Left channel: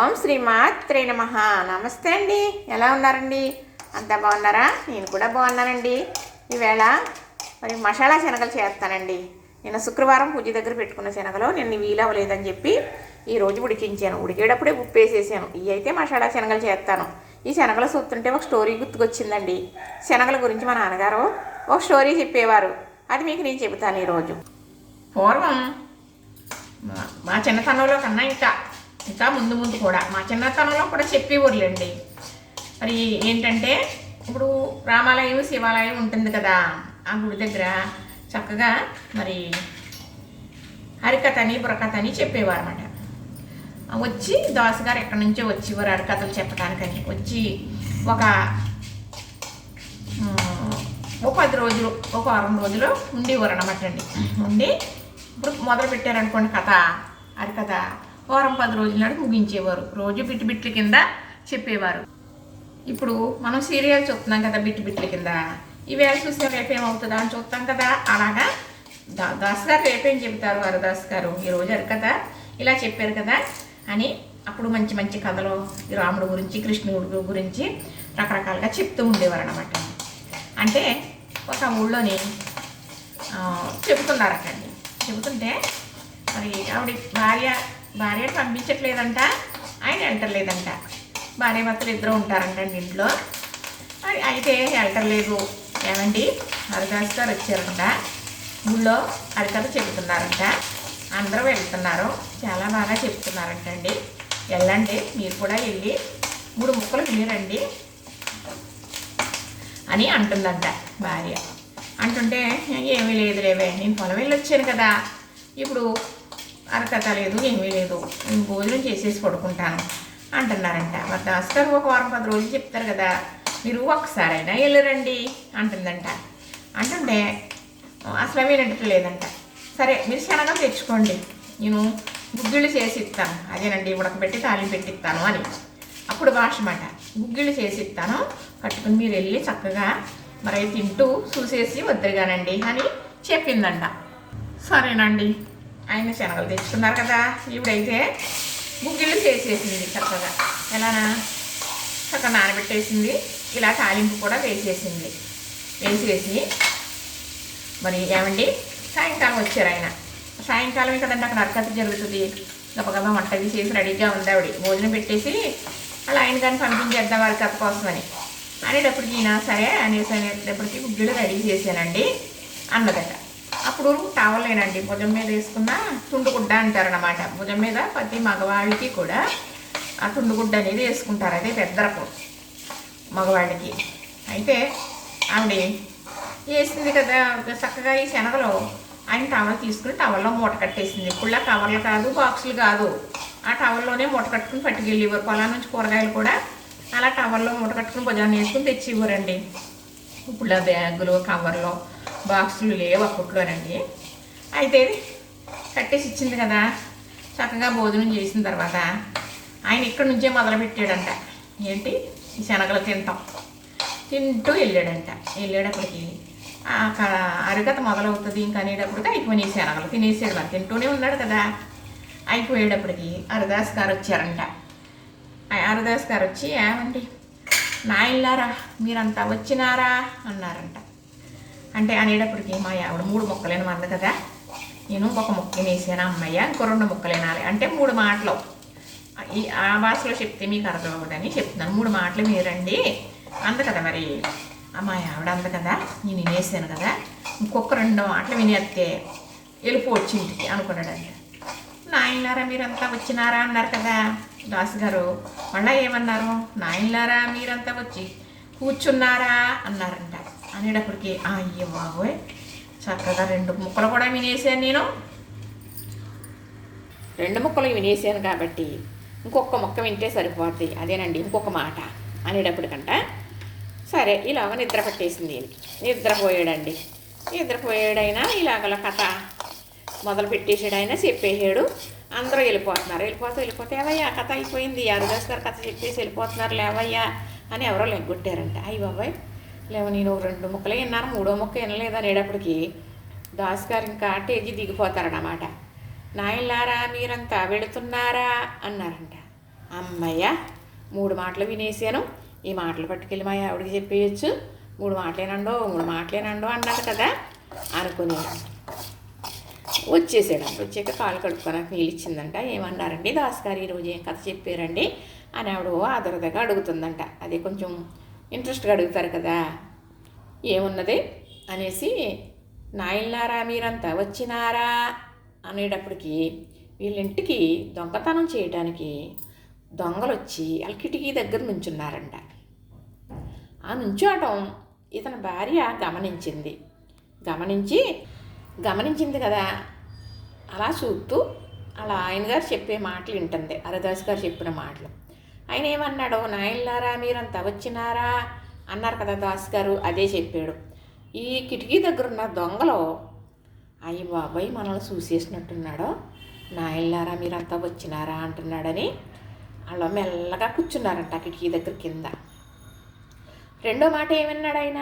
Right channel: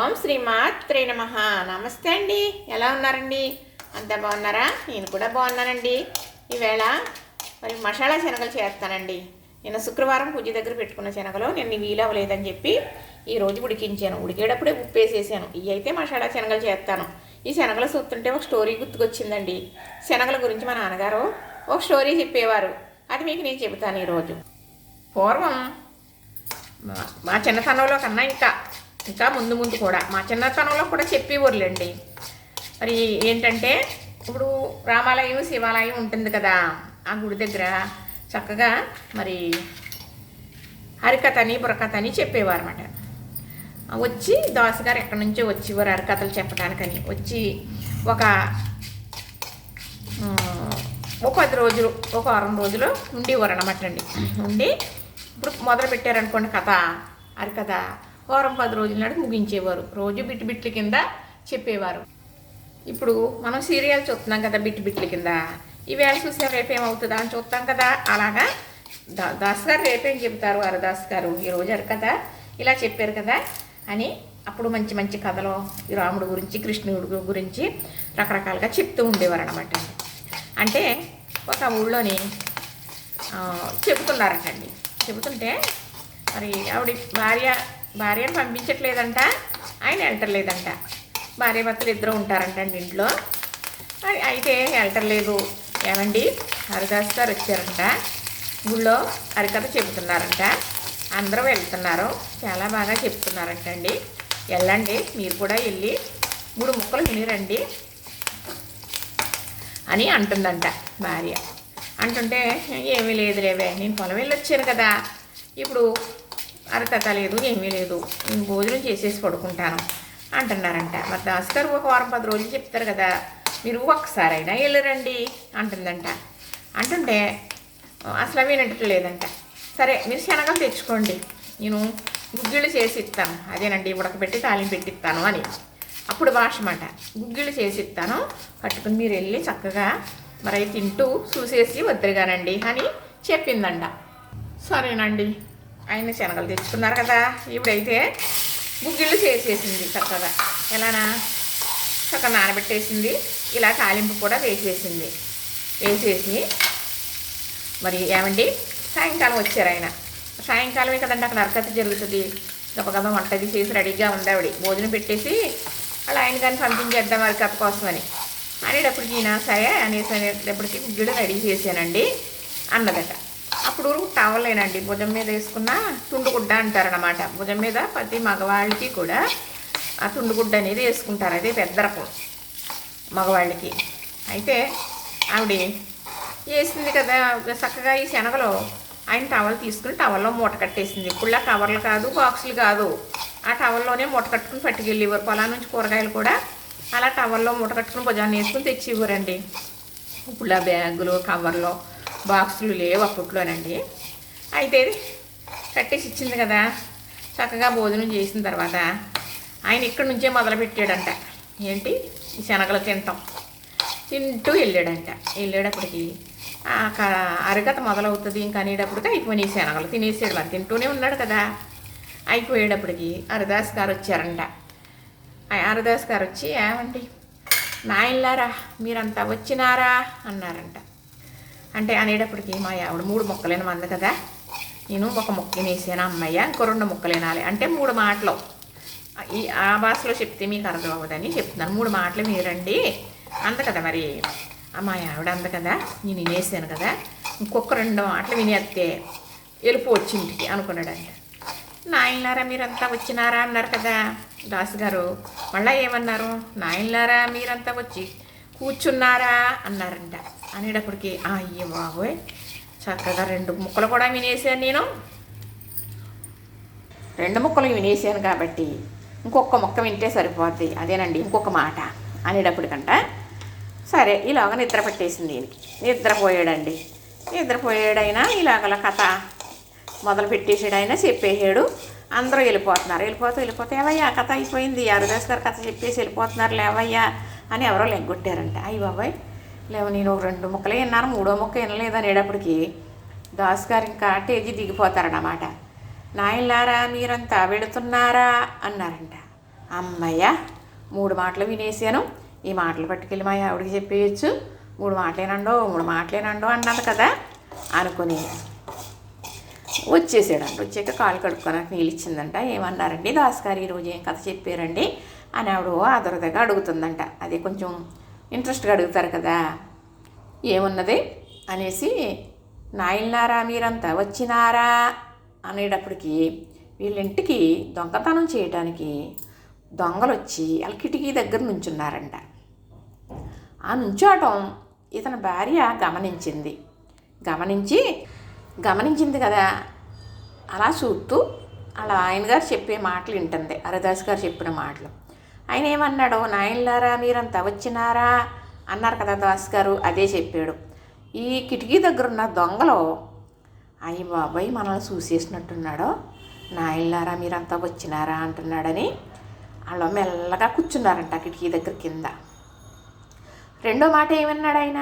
ఓం శ్రీమాత్రే నమః. నమస్తే అండి, ఎలా ఉన్నారండి? అంతా బాగున్నారా? నేను కూడా బాగున్నానండి. ఈవేళ మరి మసాలా శనగలు చేస్తానండి. నేను శుక్రవారం పూజ దగ్గర పెట్టుకున్న శనగలు నేను వీలవ్వలేదని చెప్పి ఈరోజు ఉడికించాను. ఉడికేటప్పుడే ఉప్పు వేసేసాను. ఇవి అయితే మసాలా శనగలు చేస్తాను. ఈ శనగలు చూస్తుంటే ఒక స్టోరీ గుర్తుకొచ్చిందండి. శనగల గురించి మా నాన్నగారు ఒక స్టోరీ చెప్పేవారు. అది మీకు నేను చెబుతాను ఈరోజు. పూర్వం మా చిన్నతనంలో కన్నా ఇంకా ముందు ముందు కూడా మా చిన్నతనంలో కూడా చెప్పేవారులేండి. మరి ఏంటంటే ఇప్పుడు రామాలయం శివాలయం ఉంటుంది కదా, ఆ గుడి దగ్గర చక్కగా మరి హరికథని బుర్రకథని చెప్పేవారు అన్నమాట. వచ్చి దాసుగారు ఎక్కడి నుంచో వచ్చేవారు హరికథలు చెప్పడానికని. వచ్చి ఒక 10 రోజులు ఒక వారం రోజులు ఉండేవారు అన్నమాట అండి. ఉండి ఇప్పుడు మొదలు పెట్టారనుకోండి కథ, హరికథ, వారం 10 రోజుల నాడు ముగించేవారు. రోజు బిట్ల కింద చెప్పేవారు. ఇప్పుడు మనం సీరియల్ చూస్తున్నాం కదా, బిట్ల కింద. ఈవేళ చూసిన రేపేమవుతుందా అని చూస్తాం కదా. అలాగా దాస్ గారు రేపేం చెబుతారు, హరిదాస్ గారు ఈరోజు హరికథ ఇలా చెప్పారు కదా అని అప్పుడు మంచి మంచి కథలు రాముడు గురించి కృష్ణుడు గురించి రకరకాలుగా చెప్తూ ఉండేవారు అన్నమాట. అంటే ఒక ఊళ్ళోని చెబుతున్నారటండి. చెబుతుంటే మరి ఆవిడ భార్యను పంపించట్లేదంట, ఆయన వెళ్ళటర్లేదంట. భార్య భర్తలు ఇద్దరు ఉంటారంటండి ఇంట్లో. అయితే వెళ్ళటర్లేదు. ఏమండి, హరిదాస్ గారు వచ్చారంట, ఊళ్ళో హరికథ చెబుతున్నారంట, అందరూ వెళ్తున్నారు, చాలా బాగా చెప్తున్నారంటండి, వెళ్ళండి మీరు కూడా వెళ్ళి 3 ముక్కలు వినిరండి అని అంటుందంట భార్య. అంటుంటే ఏమీ లేదులేవే, నేను పొలం వెళ్ళి వచ్చాను కదా, ఇప్పుడు హరికథ లేదు ఏమీ లేదు, నేను భోజనం చేసేసి పడుకుంటాను అంటున్నారంట. మరి దాస్ గారు ఒక వారం 10 రోజులు చెప్తారు కదా, మీరు ఒక్కసారైనా వెళ్ళరండి అంటుందంట. అంటుంటే అసలు వినట్లేదంట. సరే మీరు శనగలు తెచ్చుకోండి, నేను గుగ్గిళ్ళు చేసి ఇస్తాను, అదేనండి ఉడకబెట్టి తాలింపు పెట్టిస్తాను అని. అప్పుడు భాష మాట, గుగ్గిళ్ళు చేసి ఇస్తాను, పట్టుకుని మీరు వెళ్ళి చక్కగా మరి తింటూ చూసేసి వద్దరుగానండి అని చెప్పిందంట. సరేనండి, ఆయన శనగలు తెచ్చుకున్నారు కదా, ఇప్పుడైతే గుగ్గిళ్ళు చేసేసింది చక్కగా. ఎలానా చక్కగా నానబెట్టేసింది, ఇలా తాలింపు కూడా వేసేసింది. వేసేసి మరి ఏమండి సాయంకాలం వచ్చారు ఆయన. సాయంకాలం కదండి అక్కడ హరికథ జరుగుతుంది. గబగబా వంటది చేసి రెడీగా ఉంది ఆవిడ. భోజనం పెట్టేసి అలా ఆయన కానీ పంపించేద్దాం హరికథ కోసమని అనేటప్పటికి ఈయన సరే అనేసరికి గుగ్గిళ్ళు రెడీ చేశానండి అన్నదట. అప్పుడు టవలేనండి భుజం మీద వేసుకున్న తుండుగుడ్డ అంటారనమాట. భుజం మీద ప్రతి మగవాళ్ళకి కూడా ఆ తుండుగుడ్డ అనేది వేసుకుంటారు, అదే పెద్దరపు మగవాళ్ళకి. అయితే ఆవిడ వేసింది కదా చక్కగా ఈ శనగలో. ఆయన టవల్ తీసుకుని టవల్లో మూట కట్టేసింది. ఇప్పుడులా కవర్లు కాదు, బాక్సులు కాదు, ఆ టవల్లోనే మూట కట్టుకుని పట్టుకెళ్ళేవారు. పొలం నుంచి కూరగాయలు కూడా అలా టవల్లో మూట కట్టుకుని భుజాన్ని వేసుకుని తెచ్చివ్వరండి. ఇప్పుడు బ్యాగులు కవర్లో బాక్సులు లేవు అప్పట్లోనండి. అయితే కట్టేసి ఇచ్చింది కదా, చక్కగా భోజనం చేసిన తర్వాత ఆయన ఇక్కడి నుంచే మొదలుపెట్టాడంట. ఏంటి, ఈ శనగలు తింటూ వెళ్ళాడంట. వెళ్ళేటప్పటికి హరికథ మొదలవుతుంది ఇంకా అనేటప్పటికి అయిపోయినాయి శనగలు. తినేసాడు, మరి తింటూనే ఉన్నాడు కదా. అయిపోయేటప్పటికి హరిదాస్ గారు వచ్చారంట. హరిదాస్ గారు వచ్చి, ఏమండి నాయనలారా మీరంతా వచ్చినారా అన్నారంట. అంటే అనేటప్పటికి మా ఆవిడ 3 ముక్కలేని మంది కదా, నేను ఒక ముక్క వేసాను అమ్మయ్య, ఇంకో 2 ముక్కలు వినాలి అంటే 3 మాటలు. ఆ భాషలో చెప్తే మీకు అర్థం అవ్వదని చెప్తున్నాను. 3 మాటలు మీరండి అంది కదా. మరి మా ఆవిడ అంది కదా, నేను వినేసాను కదా, ఇంకొక 2 మాటలు వినేస్తే వెళ్ళిపో వచ్చింటికి అనుకున్నాడంట. నాయనలారా మీరంతా వచ్చినారా అన్నారు కదా దాసు గారు. మళ్ళీ ఏమన్నారు, నాయనలారా మీరంతా వచ్చి కూర్చున్నారా అన్నారంట. అనేటప్పటికి అయ్యో బాబోయ్, చక్కగా 2 ముక్కలు కూడా వినేసాను నేను. 2 ముక్కలు వినేసాను కాబట్టి ఇంకొక ముక్క వింటే సరిపోద్ది, అదేనండి ఇంకొక మాట అనేటప్పటికంట. సరే ఇలాగ నిద్ర పట్టేసింది. నిద్రపోయాడండి. నిద్రపోయాడైనా ఇలాగల కథ మొదలు పెట్టేసాడు. ఆయన చెప్పేసాడు. అందరూ వెళ్ళిపోతున్నారు. వెళ్ళిపోతే ఏవయ్యా కథ అయిపోయింది, హరిదాస్ గారు కథ చెప్పేసి వెళ్ళిపోతున్నారు లేవయ్యా అని ఎవరో లెగ్గొట్టారంట. అయ్యి బాబాయ్ లేవు, నేను 2 ముక్కలే విన్నాను, 3వ ముక్క వినలేదు అనేటప్పటికి దాస్ గారు ఇంకా టేజీ దిగిపోతారన్నమాట. నాయనలారా మీరంతా వెళుతున్నారా అన్నారంట. అమ్మయ్య 3 మాటలు వినేసాను, ఈ మాటలు పట్టుకెళ్ళి మా ఆవిడకి చెప్పేయచ్చు, 3 మాటలేనండో అన్నది కదా అనుకుని వచ్చేసాడంట. వచ్చాక కాళ్ళు కడుక్కోడానికి నీళ్ళు ఇచ్చిందంట. ఏమన్నారండి దాస్గారు ఈరోజు ఏం కథ చెప్పారండి అని ఆవిడ ఆదురదగా అడుగుతుందంట. అదే కొంచెం ఇంట్రెస్ట్గా అడుగుతారు కదా. ఏమున్నది అనేసి, నాయనలారా మీరంతా వచ్చినారా అనేటప్పటికి వీళ్ళింటికి దొంగతనం చేయడానికి దొంగలు వచ్చి వాళ్ళ కిటికీ దగ్గర నుంచున్నారంట. ఆ నుంచోటం ఇతని భార్య గమనించింది కదా. అలా చూస్తూ అలా ఆయన గారు చెప్పే మాటలు వింటుంది, హరిదాస్ గారు చెప్పిన మాటలు. ఆయన ఏమన్నాడు, నాయనలారా మీరంతా వచ్చినారా అన్నారు కదా దాస్ గారు, అదే చెప్పాడు. ఈ కిటికీ దగ్గర ఉన్న దొంగలు అయ్యి బాబాయ్ మనల్ని చూసేసినట్టున్నాడో, నాయనలారా మీరంతా వచ్చినారా అంటున్నాడని వాళ్ళు మెల్లగా కూర్చున్నారంట కిటికీ దగ్గర కింద. రెండో మాట ఏమన్నాడు ఆయన,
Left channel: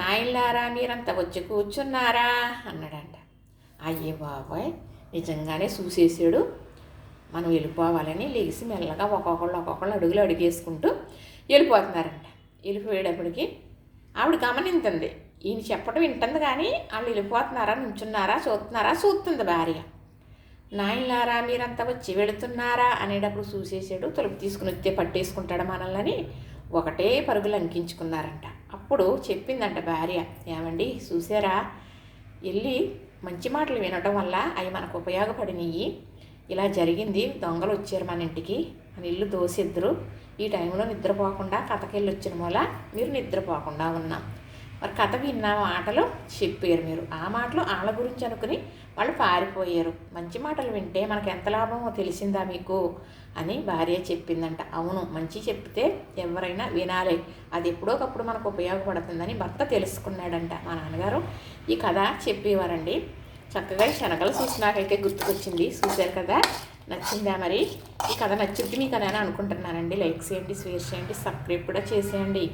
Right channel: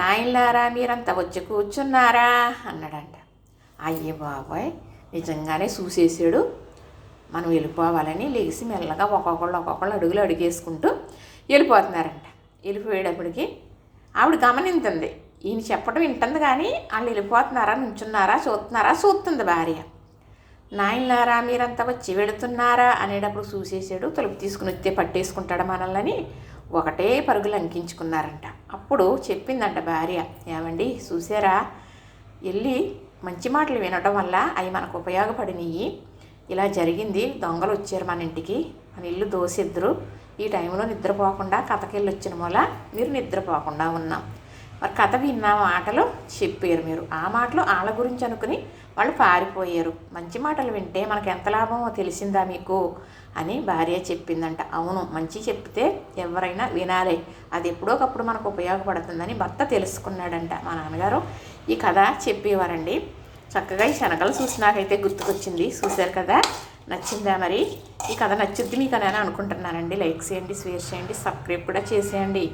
నాయనలారా మీరంతా వచ్చి కూర్చున్నారా అన్నాడంట. అయ్యే బాబాయ్ నిజంగానే చూసేసాడు, మనం వెళ్ళిపోవాలని లేచి మెల్లగా ఒక్కొక్కళ్ళు అడుగులు అడిగేసుకుంటూ వెళ్ళిపోతున్నారంట. వెళ్ళిపోయేటప్పటికి ఆవిడ గమనించింది, ఈయన చెప్పడం వింటుంది కానీ వాళ్ళు వెళ్ళిపోతున్నారా నుంచున్నారా చూస్తుంది భార్య. నాయనలారా మీరంతా వచ్చి వెళుతున్నారా అనేటప్పుడు చూసేసాడు, తలుపు తీసుకుని వచ్చే పట్టేసుకుంటాడు మనల్ని ఒకటే పరుగులు అంకించుకున్నారంట. అప్పుడు చెప్పిందంట భార్య, ఏమండి చూసారా, వెళ్ళి మంచి మాటలు వినడం వల్ల అవి మనకు ఉపయోగపడినవి, ఇలా జరిగింది, దొంగలు వచ్చారు మన ఇంటికి, మన ఇల్లు దోసిద్దరు, ఈ టైంలో నిద్రపోకుండా కథకెళ్ళి వచ్చిన వల్ల మీరు నిద్రపోకుండా ఉన్నాం. మరి కథ విన్న మాటలు చెప్పారు మీరు, ఆ మాటలు వాళ్ళ గురించి అనుకుని వాళ్ళు పారిపోయారు. మంచి మాటలు వింటే మనకు ఎంత లాభమో తెలిసిందా మీకు అని భార్య చెప్పిందంట. అవును, మంచి చెప్తే ఎవరైనా వినాలి, అది ఎప్పుడోకప్పుడు మనకు ఉపయోగపడుతుందని భర్త తెలుసుకున్నాడంట. మా నాన్నగారు ఈ కథ చెప్పేవారండి. చక్కగా ఈ శనగలు చూసి నాకైతే గుర్తుకొచ్చింది. చూశారు కదా, నచ్చిందా? మరి ఈ కథ నచ్చుద్ది మీకు అని అనుకుంటున్నానండి. లైక్ చేయండి, షేర్ చేయండి, సబ్స్క్రైబ్ కూడా చేసేయండి.